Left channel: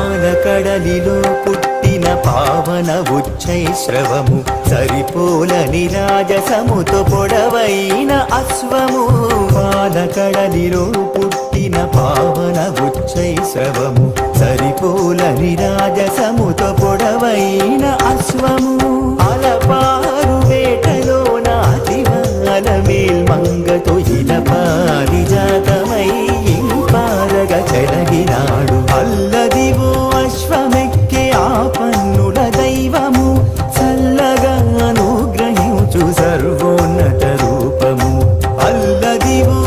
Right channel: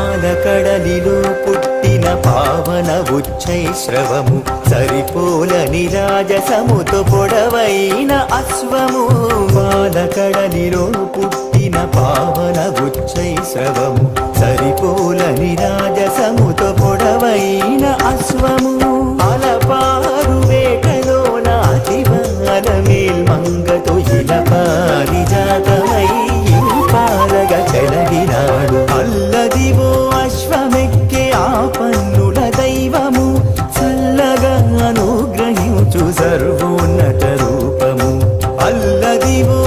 పాలకడలిలో పుట్టిన పావన ఉచ్చైశ్రవము సరిపోలని రాజసముతో పొడవైన అశ్వము. పాలకడలిలో పుట్టిన పావన ఉచ్చైశ్రవము సరిపోలని రాజసముతో పొడవైన అశ్వము. అలపారు వేటలోన అతివాల మేల్మంగతో ఇల పారిజాతమై పారగ చెలగినాడు. అల్లదివో విశ్వమెక్కే ఆ పన్నుల దైవము చల్లగా అనుగ్రహించు సర్వోన్నత రూపము. అల్లదివో